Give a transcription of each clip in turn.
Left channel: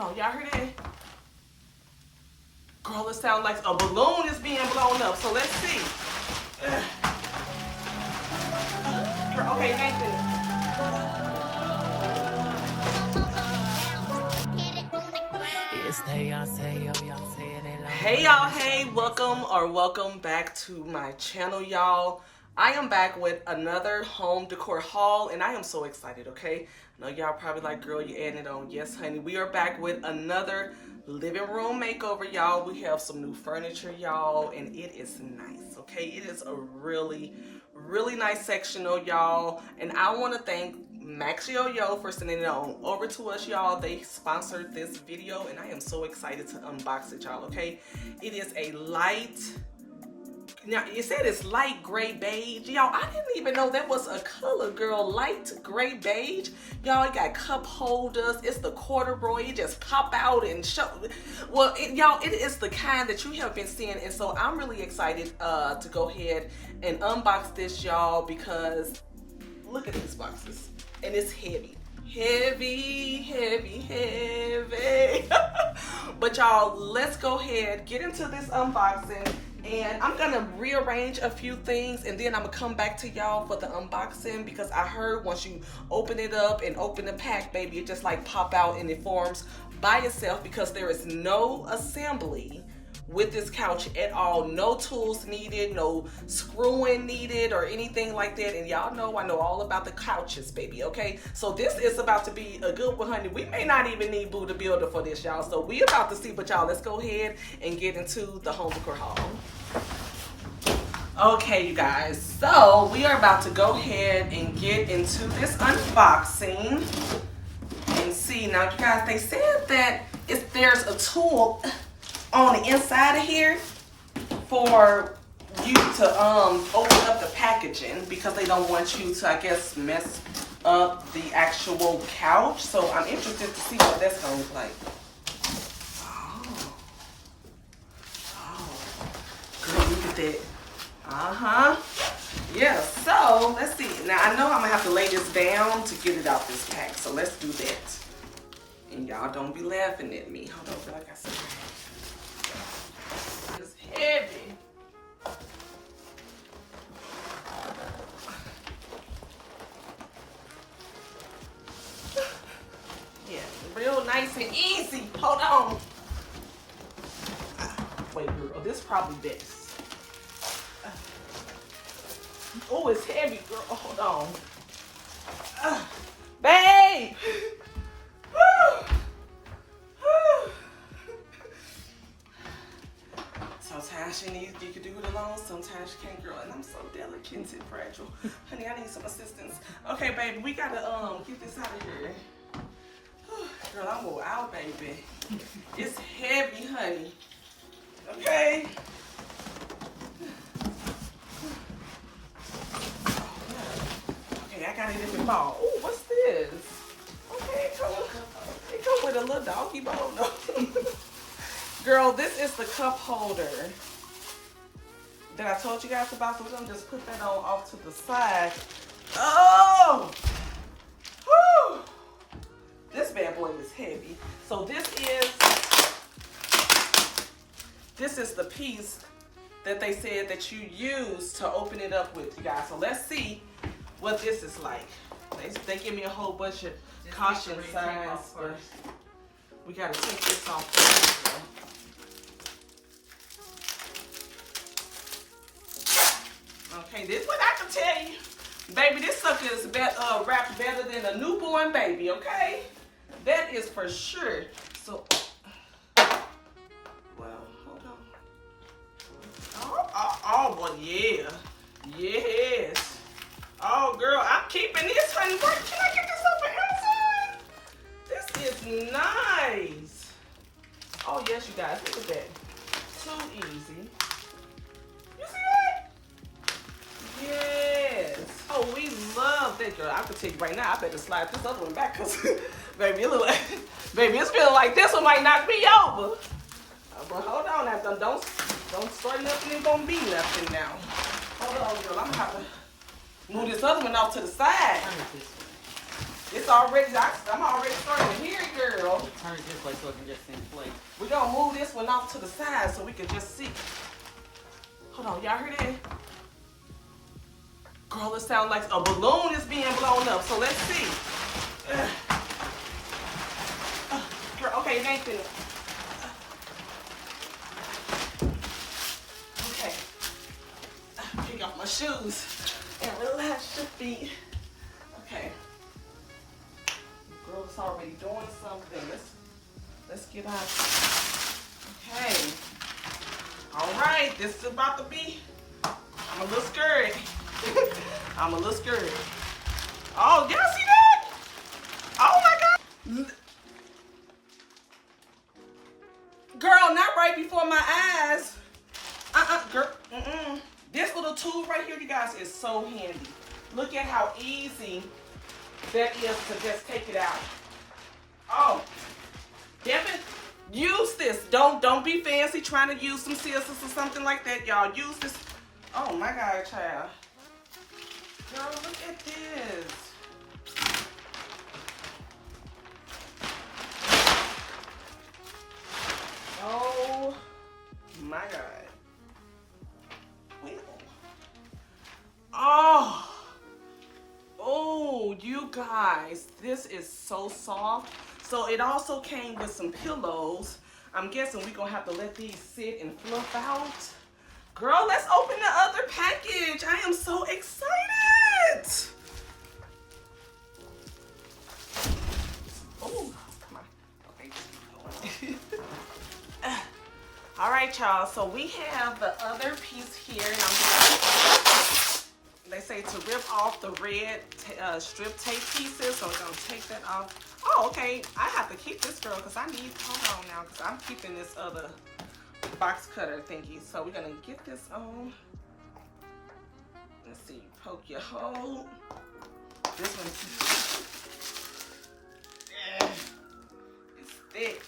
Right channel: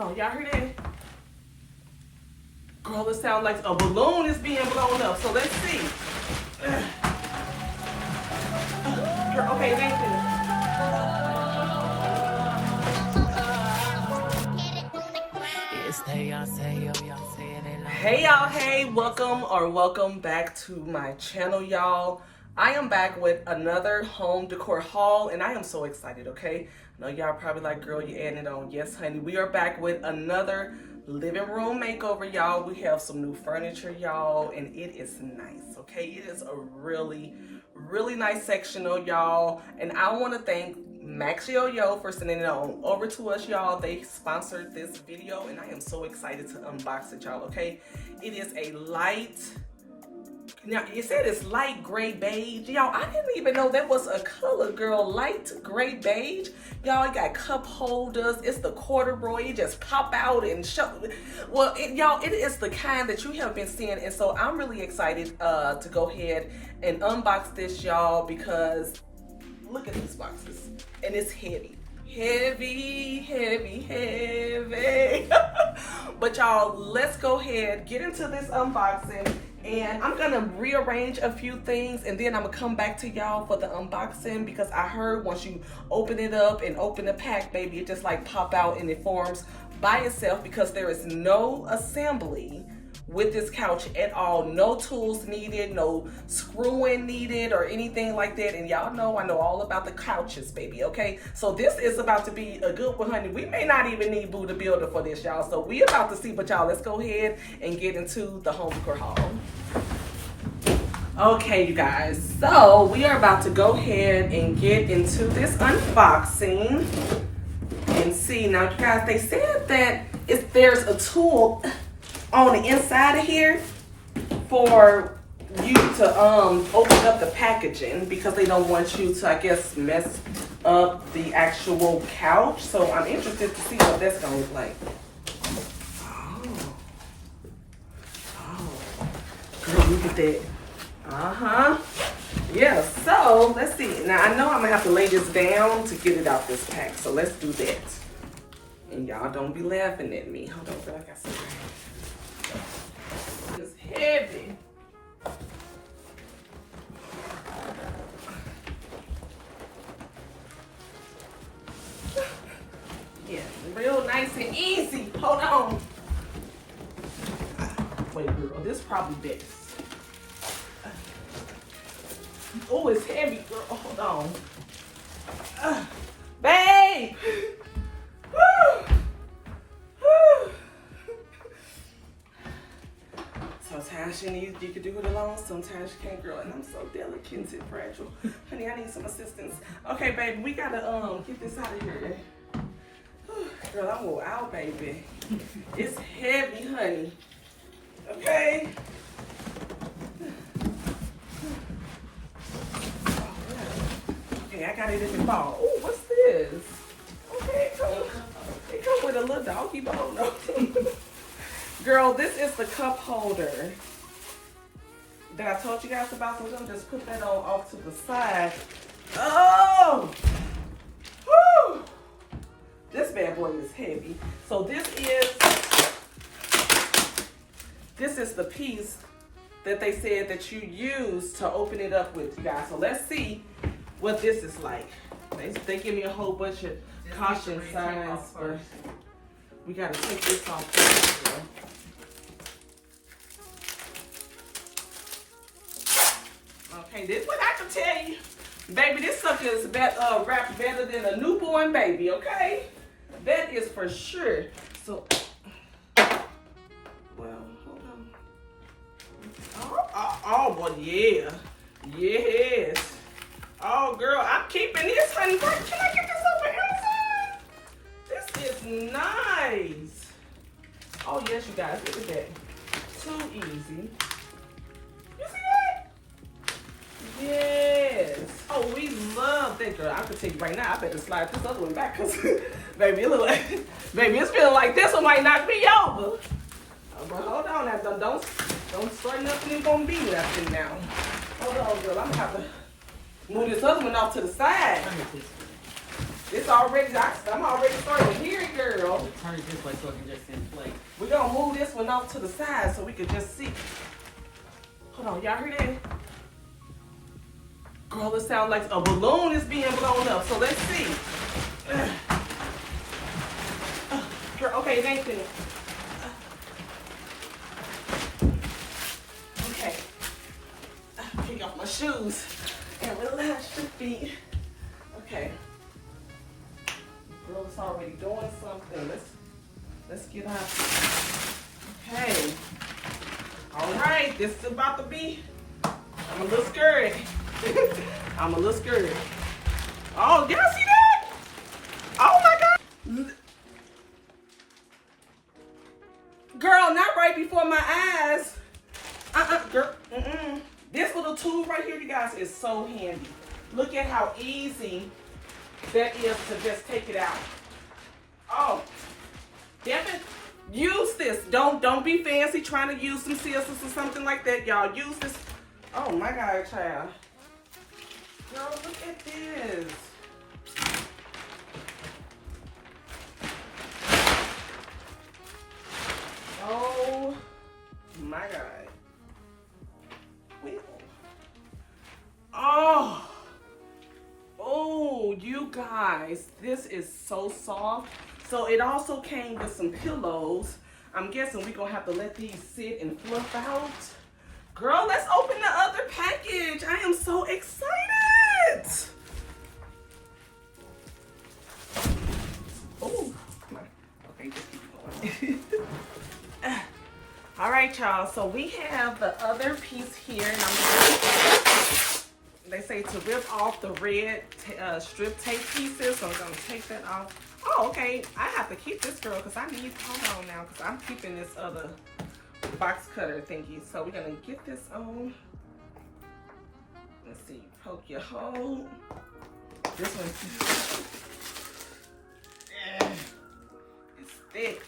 Hold on, y'all hear that? Girl, it sounds like a balloon is being blown up. So let's see. Girl, okay, thank you. Hey y'all, hey, welcome back to my channel, y'all. I am back with another home decor haul, and I am so excited, okay? I know y'all probably like, girl, you adding it on. Yes, honey, we are back with another living room makeover, y'all. We have some new furniture, y'all, and it is nice, okay? It is a really nice sectional, y'all, and I want to thank MAXYOYO for sending it on over to us, y'all. They sponsored this video, and I am so excited to unbox it, y'all, okay? It is a light, now it said it's light gray beige, y'all. I didn't even know that was a color, girl. Light gray beige, y'all. It got cup holders. It's the corduroy. It just pop out and show. Well, y'all, it is the kind that you have been seeing, and so I'm really excited to go ahead and unbox this, y'all, because look at these boxes, and it's heavy. But y'all, let's go ahead, get into this unboxing, and I'm gonna rearrange a few things, and then I'm gonna come back to y'all for the unboxing, because I heard once you open it up and open the pack, baby, it just like pop out and it forms by itself, because there is no assembly with this couch at all. No tools needed, no screwing needed or anything like that. And y'all know I know all about the couches, baby, okay? So this is about to be a good one, honey. We may not even need Boo the Builder for this, y'all. So we about to see, but y'all, let's go ahead and get into the home decor haul. Okay, you guys, so we are about to go ahead and get into this unboxing and see. Now, you guys, they said that if there's a tool on the inside of here for you to open up the packaging, because they don't want you to, I guess, mess up the actual couch. So I'm interested to see what that's gonna look like. Oh, girl, look at that. Yeah, so let's see. Now I know I'm gonna have to lay this down to get it out this pack, so let's do that. And y'all don't be laughing at me. Hold on, I feel like I see that. It's heavy. Yeah, real nice and easy. Hold on. Wait, girl, this is probably best. Oh, it's heavy, girl. Hold on. Babe! Sometimes you can do it alone, sometimes you can't, girl, and I'm so delicate and fragile. Honey, I need some assistance. Okay, baby, we gotta get this out of here. Girl, I'm going out, baby. It's heavy, honey. Okay. Okay, I got it in the ball. Oh, what's this? Okay, it come with a little doggy bone. Girl, this is the cup holder that I told you guys about, so we're gonna just put that on off to the side. Oh! Woo! This bad boy is heavy. So this is the piece that they said that you use to open it up with, you guys. So let's see what this is like. They give me a whole bunch of caution signs, but we gotta take this off first, girl. Okay, this is what I can tell you. Baby, this sucker is wrapped better than a newborn baby, okay? That is for sure. So, well, hold on. Oh, boy, yeah. Yes. Oh, girl, I'm keeping this, honey. Can I get this over here? This is nice. Oh, yes, you guys, look at that. Too easy. Yes. Oh, we love that, girl. I can tell you right now, I better slide this other one back, because, baby, it look like, baby, it's feeling like this one might knock me over. But hold on, now, don't start nothing. It's gonna be there now. Hold on, girl. I'm gonna have to move this other one off to the side. It's already, I'm already starting here, girl. Turn it this way so it can just in place. We're gonna move this one off to the side so we can just see. Hold on, y'all hear that? Girl, it sounds like a balloon is being blown up, so let's see. Girl, okay, it ain't finished. Okay. Picking off my shoes and relax your feet. Okay. Girl, it's already doing something. Let's get out. Okay. All right, this is about to be. I'm a little scared. I'm a little scared. Oh, y'all see that? Oh my God. Girl, not right before my eyes. Girl. This little tool right here, you guys, is so handy. Look at how easy that is to just take it out. Oh, damn it. Use this. Don't be fancy trying to use some scissors or something like that, y'all. Use this. Oh my God, child. Girl, look at this. Oh my God. Oh, you guys, this is so soft. So it also came with some pillows. I'm guessing we're gonna have to let these sit and fluff out. Girl, let's open the other package. I am so excited. Oh, all right, y'all. So we have the other piece here, and they say to rip off the red strip tape pieces. So we're gonna take that off. Oh, okay. I have to keep this, girl, because I need. Hold on now, because I'm keeping this other box cutter thingy. So we're gonna get this on. Let's see. Poke your hole. This one. It's thick.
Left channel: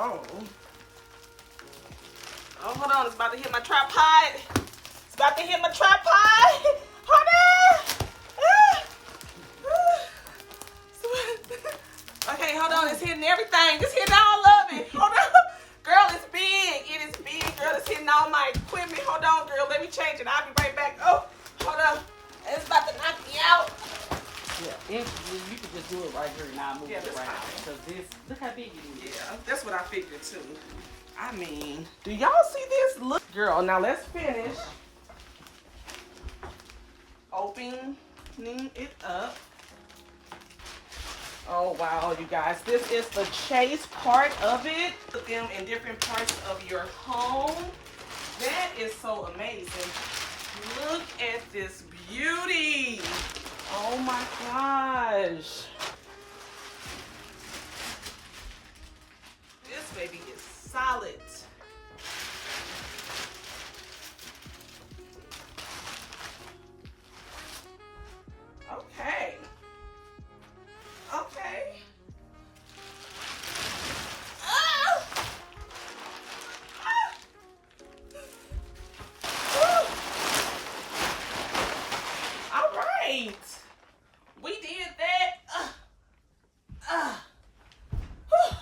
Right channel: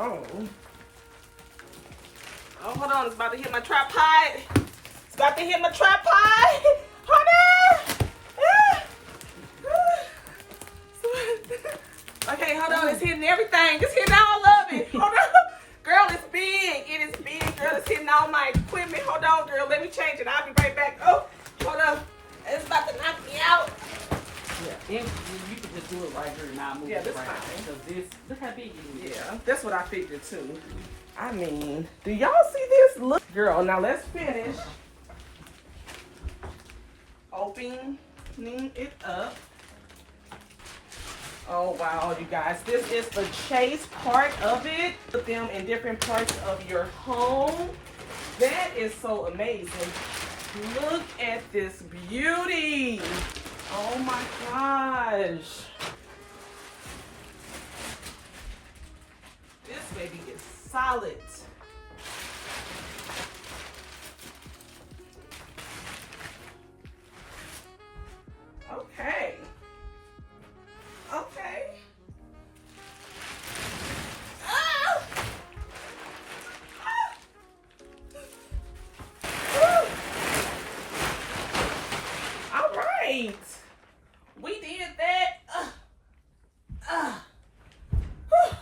Oh, hold on. It's about to hit my tripod. It's about to hit my tripod. Hold on. Okay, hold on. It's hitting everything. It's hitting all of it. Hold on. Girl, it's big. It is big. Girl, it's hitting all my equipment. Hold on, girl. Let me change it. I'll be right back. Oh, hold on. It's about to knock me out. Yeah, you could just do it right here and not move it. Yeah, this fine. Because look how big it is. Yeah, that's what I figured too. I mean, do y'all see this? Look, girl, now let's finish opening it up. Oh, wow, you guys. This is the chase part of it. Put them in different parts of your home. That is so amazing. Look at this beauty. Oh, my gosh. This baby is solid. Okay. Okay. Ah! Ah! All right. We did that.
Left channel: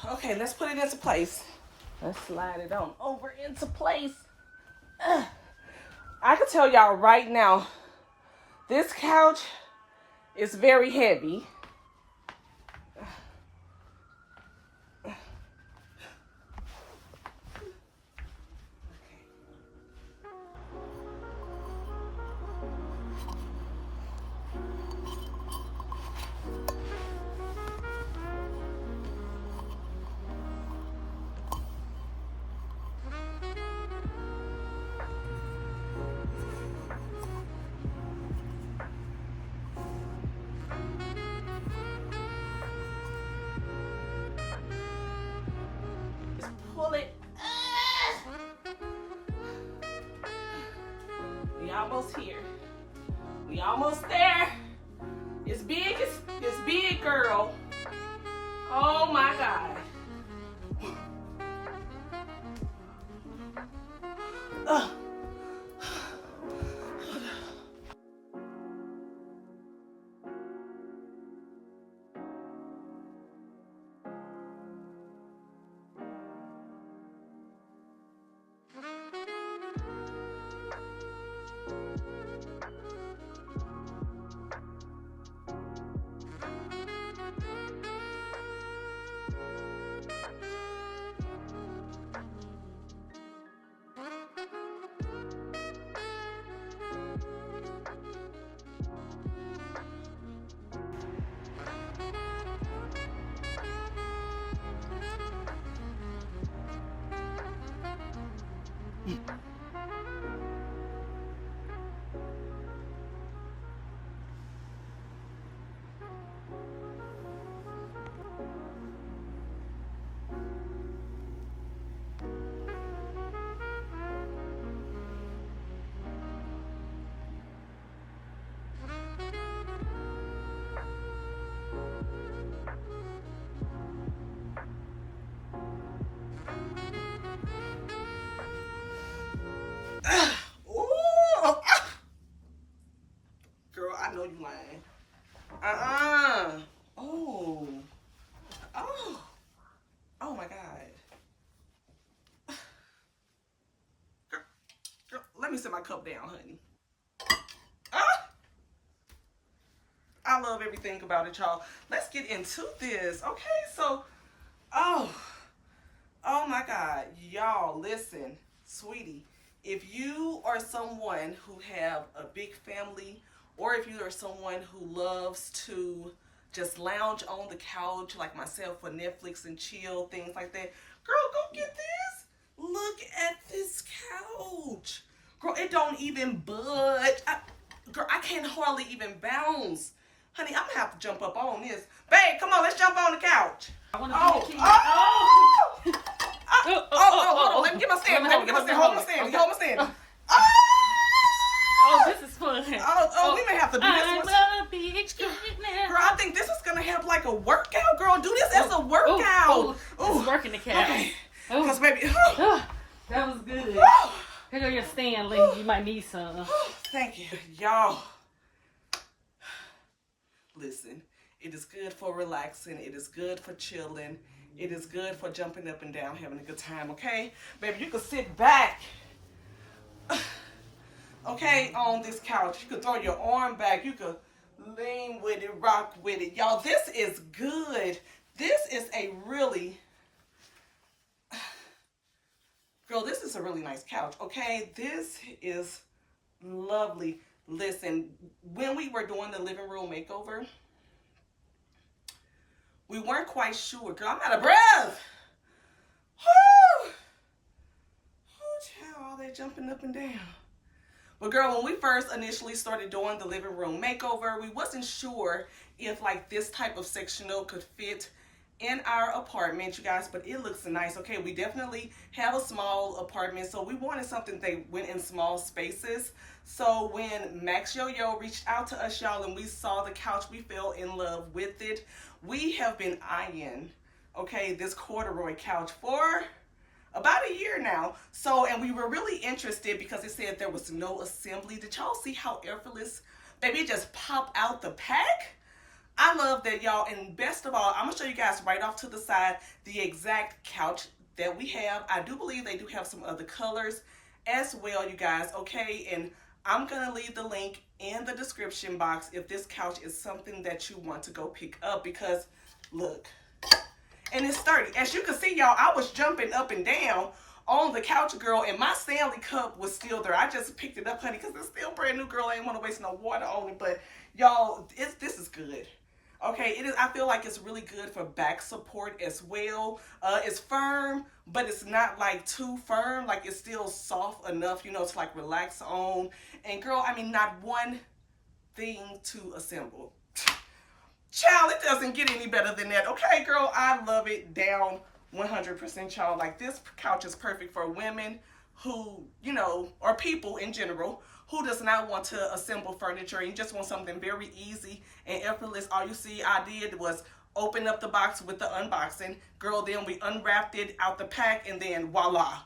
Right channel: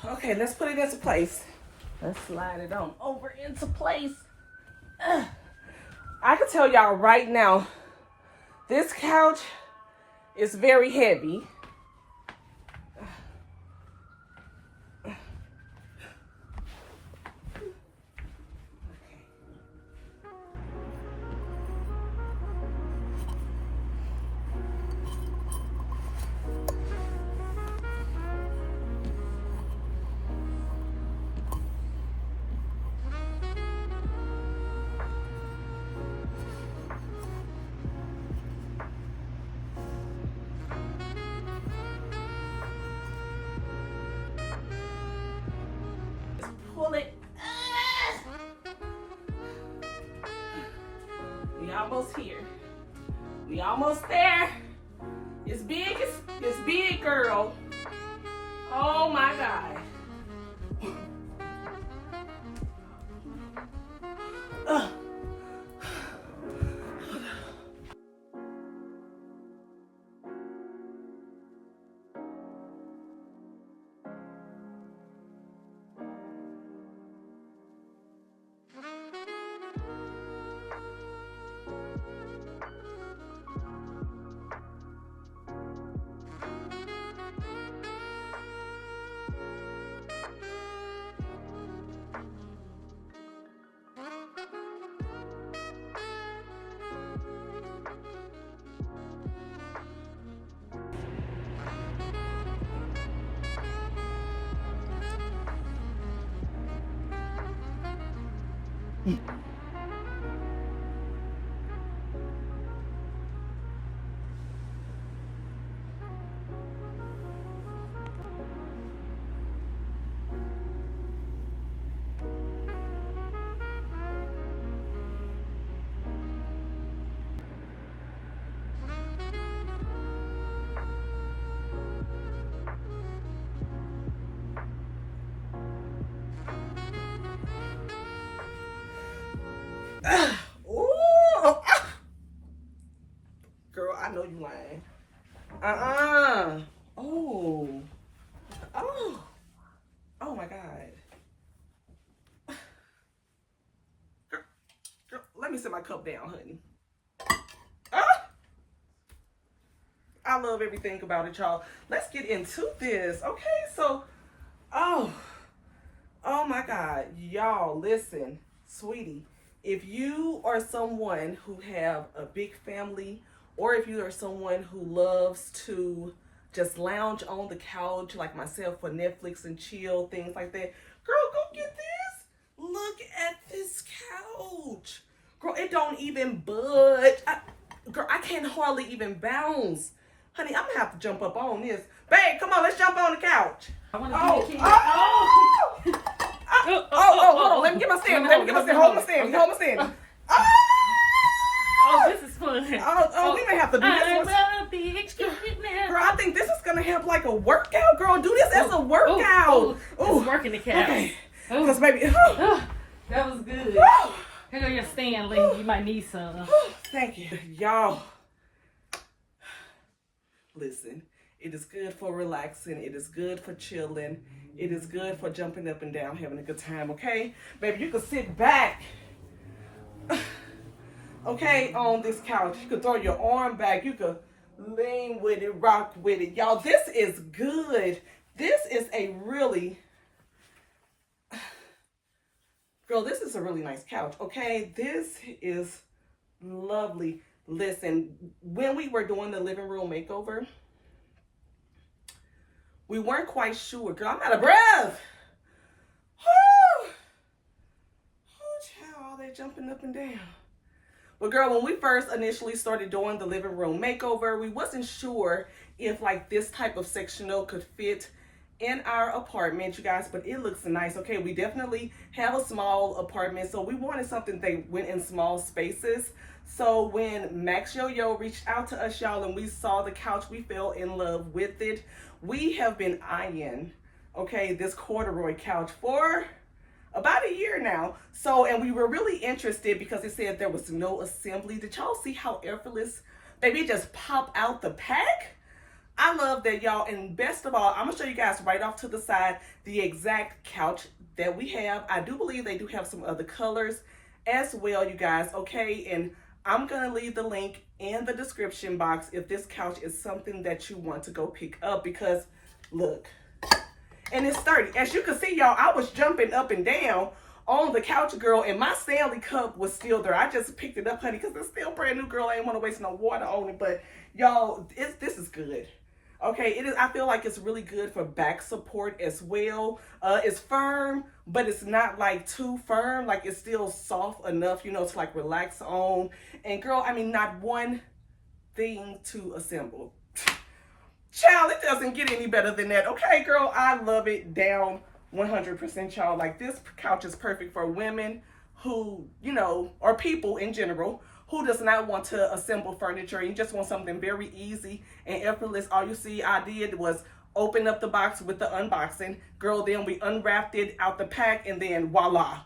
Okay, let's put it into place. Let's slide it on over into place. I can tell y'all right now, this couch is very heavy. Pull it. We almost here. We almost there. It's big. It's big, girl. Oh my God. Ooh. Girl, I know you lying. Oh. Oh. Oh my God. Girl, let me set my cup down, honey. I love everything about it, y'all. Let's get into this. Okay, so, oh my God. Y'all, listen, sweetie. If you are someone who have a big family, or if you are someone who loves to just lounge on the couch like myself for Netflix and chill, things like that, girl, go get this. Look at this couch. Girl, it don't even budge. Girl, I can't hardly even bounce. Honey, I'm gonna have to jump up on this. Babe, come on, let's jump on the couch. Hold on. Let me get my stand. Hold my stand. Oh, this is fun. We may have to do this one. Girl, I think this is gonna have like a workout. Girl, do this as a workout. It's working the couch. Okay. Because baby, that was good. Here your stand, lady. You might need some. Thank you, y'all. Listen, it is good for relaxing. It is good for chilling. It is good for jumping up and down, having a good time, okay? Baby, you can sit back, okay, on this couch. You can throw your arm back. You can lean with it, rock with it. Y'all, this is good. This is a really, girl, this is a really nice couch, okay? This is lovely. Listen, when we were doing the living room makeover, we weren't quite sure. Girl, I'm out of breath. Oh, child, all that jumping up and down. But girl, when we first initially started doing the living room makeover, we wasn't sure if like this type of sectional could fit in our apartment, you guys, but it looks nice. Okay, we definitely have a small apartment, so we wanted something that went in small spaces. So when MAXYOYO reached out to us, y'all, and we saw the couch, we fell in love with it. We have been eyeing, okay, this corduroy couch for about a year now. So, and we were really interested because it said there was no assembly. Did y'all see how effortless, baby, it just pop out the pack? I love that, y'all. And best of all, I'm gonna show you guys right off to the side the exact couch that we have. I do believe they do have some other colors as well, you guys, okay? And I'm gonna leave the link in the description box if this couch is something that you want to go pick up, because look, and it's sturdy. As you can see, y'all, I was jumping up and down on the couch, girl, and my Stanley cup was still there. I just picked it up, honey, because it's still brand new, girl. I didn't want to waste no water on it, but y'all, this is good. Okay, it is. I feel like it's really good for back support as well. It's firm, but it's not like too firm. Like, it's still soft enough, you know, to like relax on. And girl, I mean, not one thing to assemble. Child, it doesn't get any better than that. Okay, girl, I love it down 100%, y'all. Like, this couch is perfect for women who, you know, or people in general who does not want to assemble furniture. You just want something very easy and effortless. All you see I did was opened up the box with the unboxing. Girl, then we unwrapped it out the pack, and then voila.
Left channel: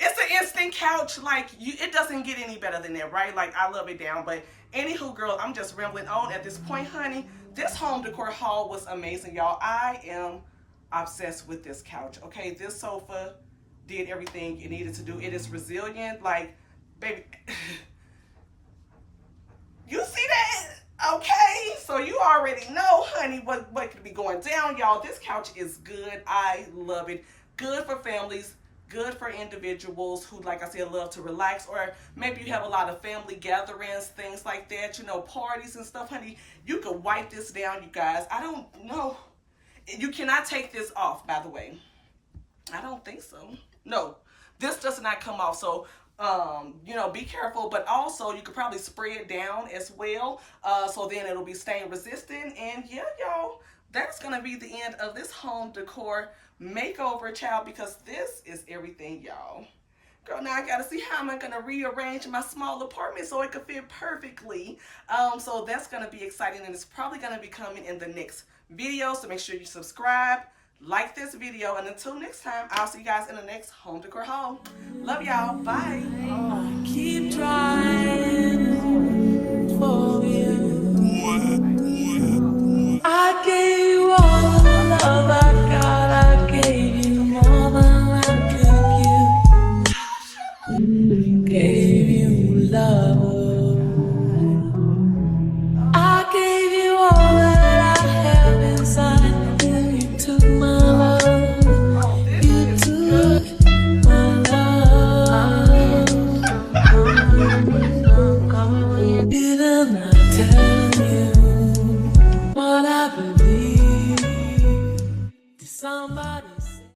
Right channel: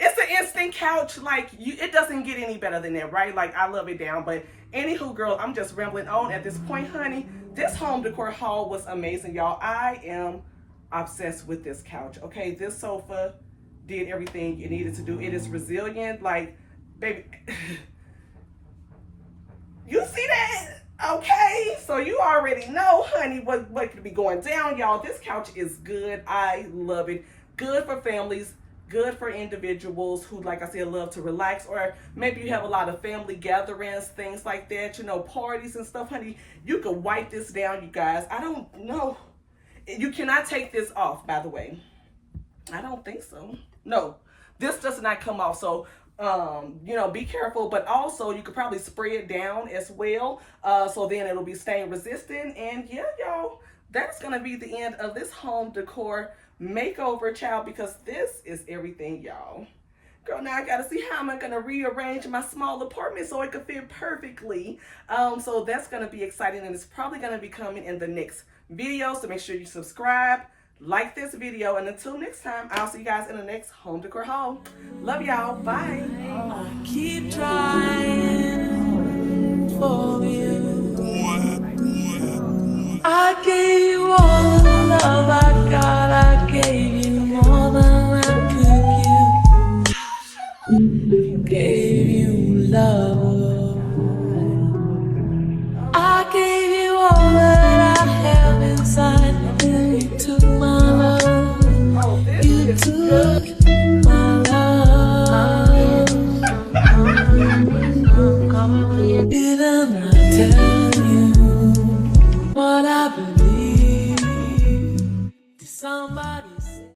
It's an instant couch. Like, it doesn't get any better than that, right? Like, I love it down. But anywho, girl, I'm just rambling on at this point, honey. This home decor haul was amazing, y'all. I am obsessed with this couch, okay? This sofa did everything it needed to do. It is resilient. Like, baby, you see that? Okay, so you already know, honey, what could be going down, y'all. This couch is good. I love it. Good for families, good for individuals who, like I said, love to relax, or maybe you have a lot of family gatherings, things like that, you know, parties and stuff, honey. You could wipe this down, you guys. I don't know. You cannot take this off, by the way. I don't think so. No, this does not come off. So you know, be careful, but also you could probably spray it down as well, so then it'll be stain resistant. And yeah, y'all, that's gonna be the end of this home decor makeover, child, because this is everything, y'all. Girl, now I gotta see how am I gonna rearrange my small apartment so it can fit perfectly. So that's gonna be exciting, and it's probably gonna be coming in the next video, so make sure you subscribe, like this video, and until next time, I'll see you guys in the next home decor haul. Love y'all. Bye. I keep trying for you. I gave